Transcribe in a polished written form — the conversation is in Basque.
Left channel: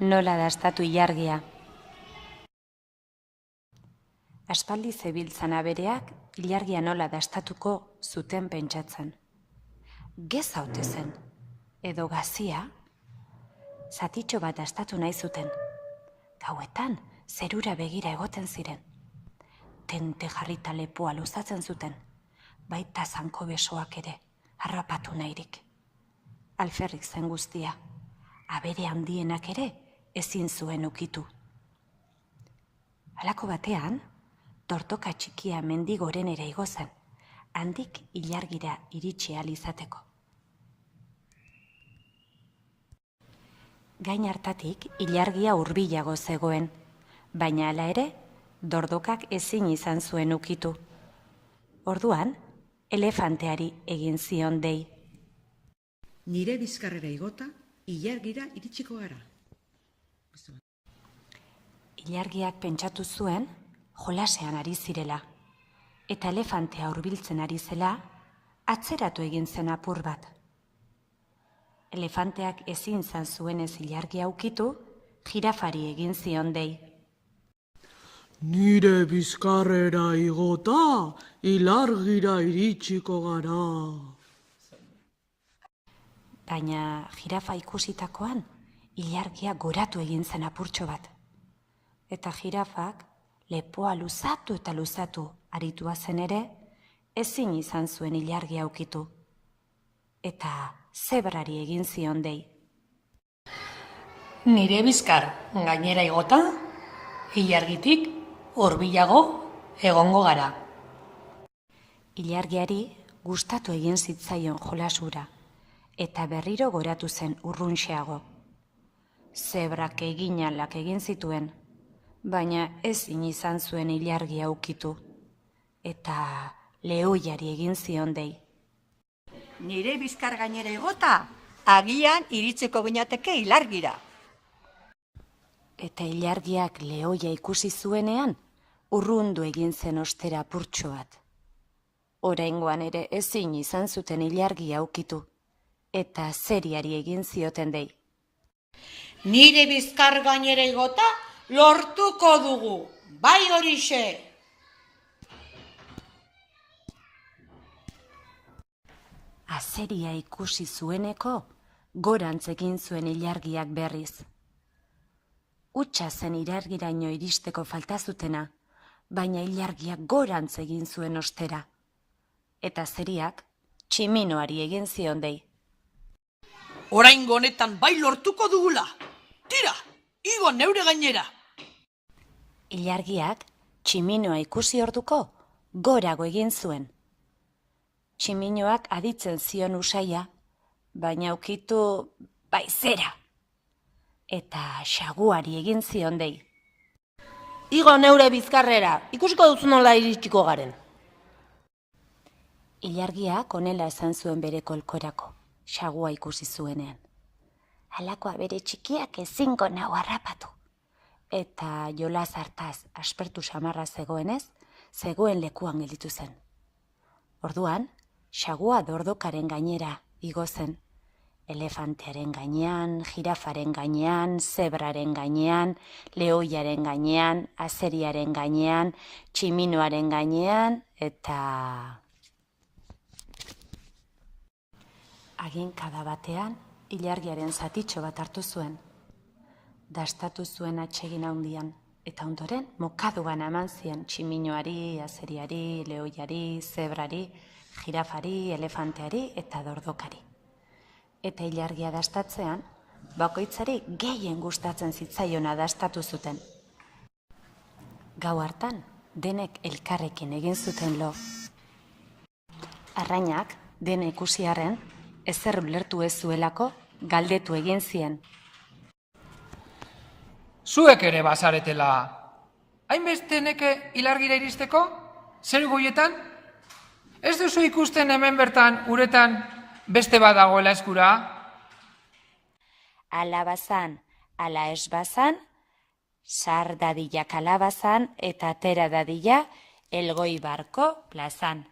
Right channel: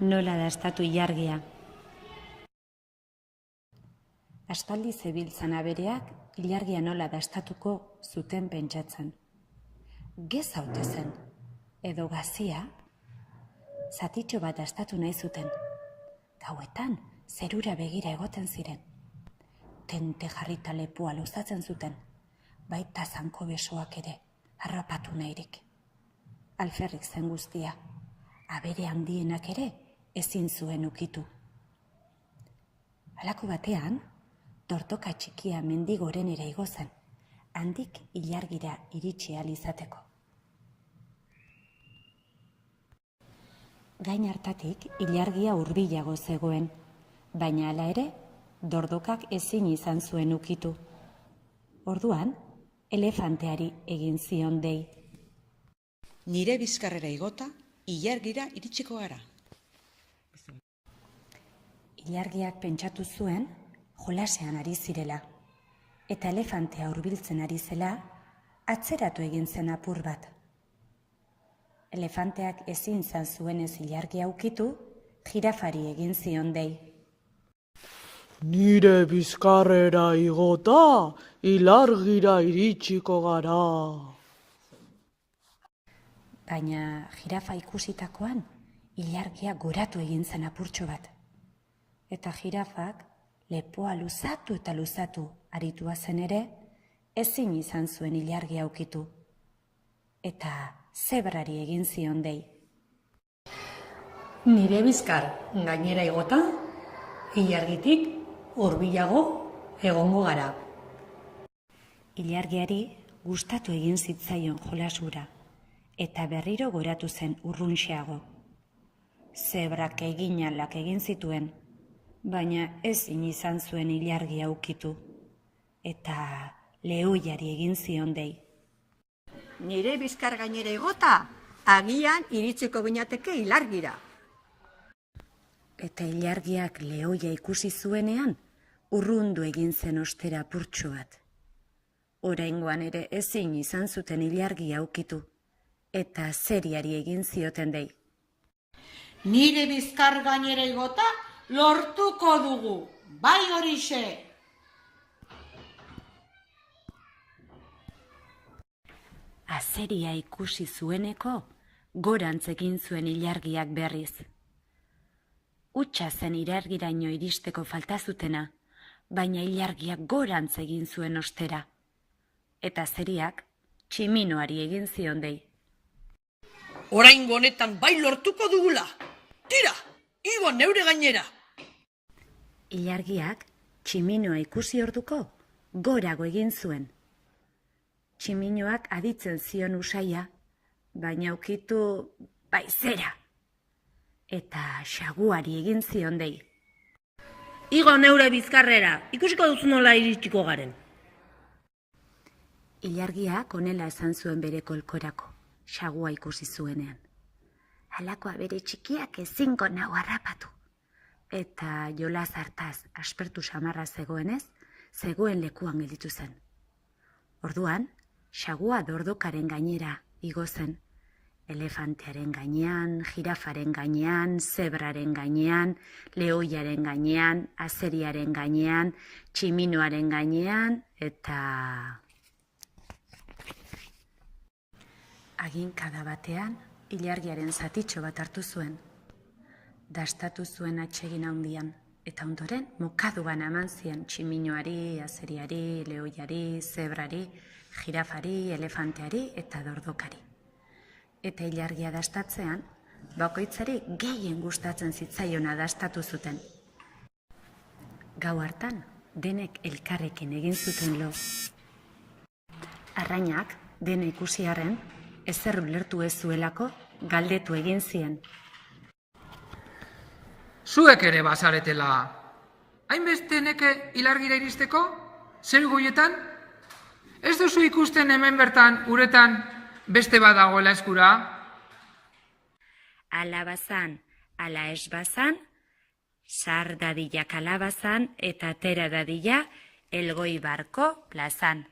nola dastatu ilargia. Aspaldi zebiltzan abereak ilargia nola dastatuko zuten pentsatzen. Gez haute zen, edo gazia, zatitxo bat dastatu nahi zuten. Gauetan, zerura begira egoten ziren. Tente jarrita lepoa luzatzen zuten, baita zanko besoak ere, harrapatu nahirik. Alferrik zen guztia, abere handienak ere ezin zuen ukitu. Halako batean, tortoka txikia mendigorenera igo zen, handik ilargira iritsi ahal izateko. Gain hartatik ilargia hurbilago zegoen, baina hala ere, dordokak ezin izan zuen ukitu. Orduan, elefanteari egin zion dei. Nire bizkarrera igota, ilargira iritsiko gara. Ilargiak pentsatu zuen, jolasean ari zirela, eta elefantea hurbiltzen ari zela, atzeratu egin zen apur bat. Elefanteak ezin izan zuenez ilargia ukitu, jirafari egin zion dei. Nire bizkarrera igota, ilargira iritsiko gara. Baina jirafa ikusitakoan, ilargia goratu egin zen apurtxo bat. Eta jirafak lepoa luzatu eta luzatu aritua zen ere, ezin izan zuen ilargia ukitu. Eta zebrari egin zion dei. Nire bizkar gainera igota, ilargitik hurbilago egongo gara. Ilargiari gustatu egin zitzaion jolasura, eta berriro goratu zen urrunxeago. Zebrak eginalak egin zituen, baina ezin izan zuen ilargia ukitu, eta lehoiari egin zion dei. Nire bizkar gainera igota, agian iritziko ginateke ilargira. Eta ilargiak lehoia ikusi zuenean, urrundu egin zen ostera apurtxo bat. Oraingoan ere ezin izan zuten ilargia ukitu, eta zeriari egin zioten dei. Nire bizkar gainera igota, lortuko dugu, bai horixe. Azeria ikusi zueneko, gorantz egin zuen ilargiak berriz. Hutsa zen ilargiraino iristeko falta zutena, baina ilargiak gorantz egin zuen ostera. Eta azeriak tximinoari egin zion dei. Oraingo honetan bai lortuko dugula. Tira, igo neure gainera. Ilargiak tximinoa ikusi orduko gorago egin zuen. Tximinoak aditzen zion usaia, baina ukitu baizera. Eta xaguari egin zion dei. Igo neure bizkarrera, ikusiko duzu nola iritsiko garen. Ilargiak honela esan zuen bere kolkorako, xagua ikusi zuenean. Halakoa bere txikiak ezingo nau harrapatu. Eta jolas hartaz aspertu samarra zegoenez, zegoen lekuan gelditu zen. Orduan, xagua dordokaren gainera igo zen. Elefantearen gainean, jirafaren gainean, zebraren gainean, lehoiaren gainean, azeriaren gainean, tximinoaren gainean, eta haginkada batean, ilargiaren zatitxo bat hartu zuen. Dastatu zuen atsegin handian, eta ondoren mokaduan eman zien tximinoari, azeriari, lehoiari, zebrari, jirafari, elefanteari eta dordokari. Eta ilargia dastatzean, bakoitzari gehien gustatzen zitzaiona dastatu zuten. Gau hartan, denek elkarrekin egin zuten lo. Arrainak, dena ikusiarren, ezer ulertu ez zuelako, galdetu egin zien. Zuek ere bazaretela, hainbeste neke ilargira iristeko? Zer goietan? Ez duzu ikusten hemen bertan, uretan, beste bat dagoela eskura? Ala bazan, ala ez bazan, sar dadila kalabazan eta atera dadila Elgoibarko plazan.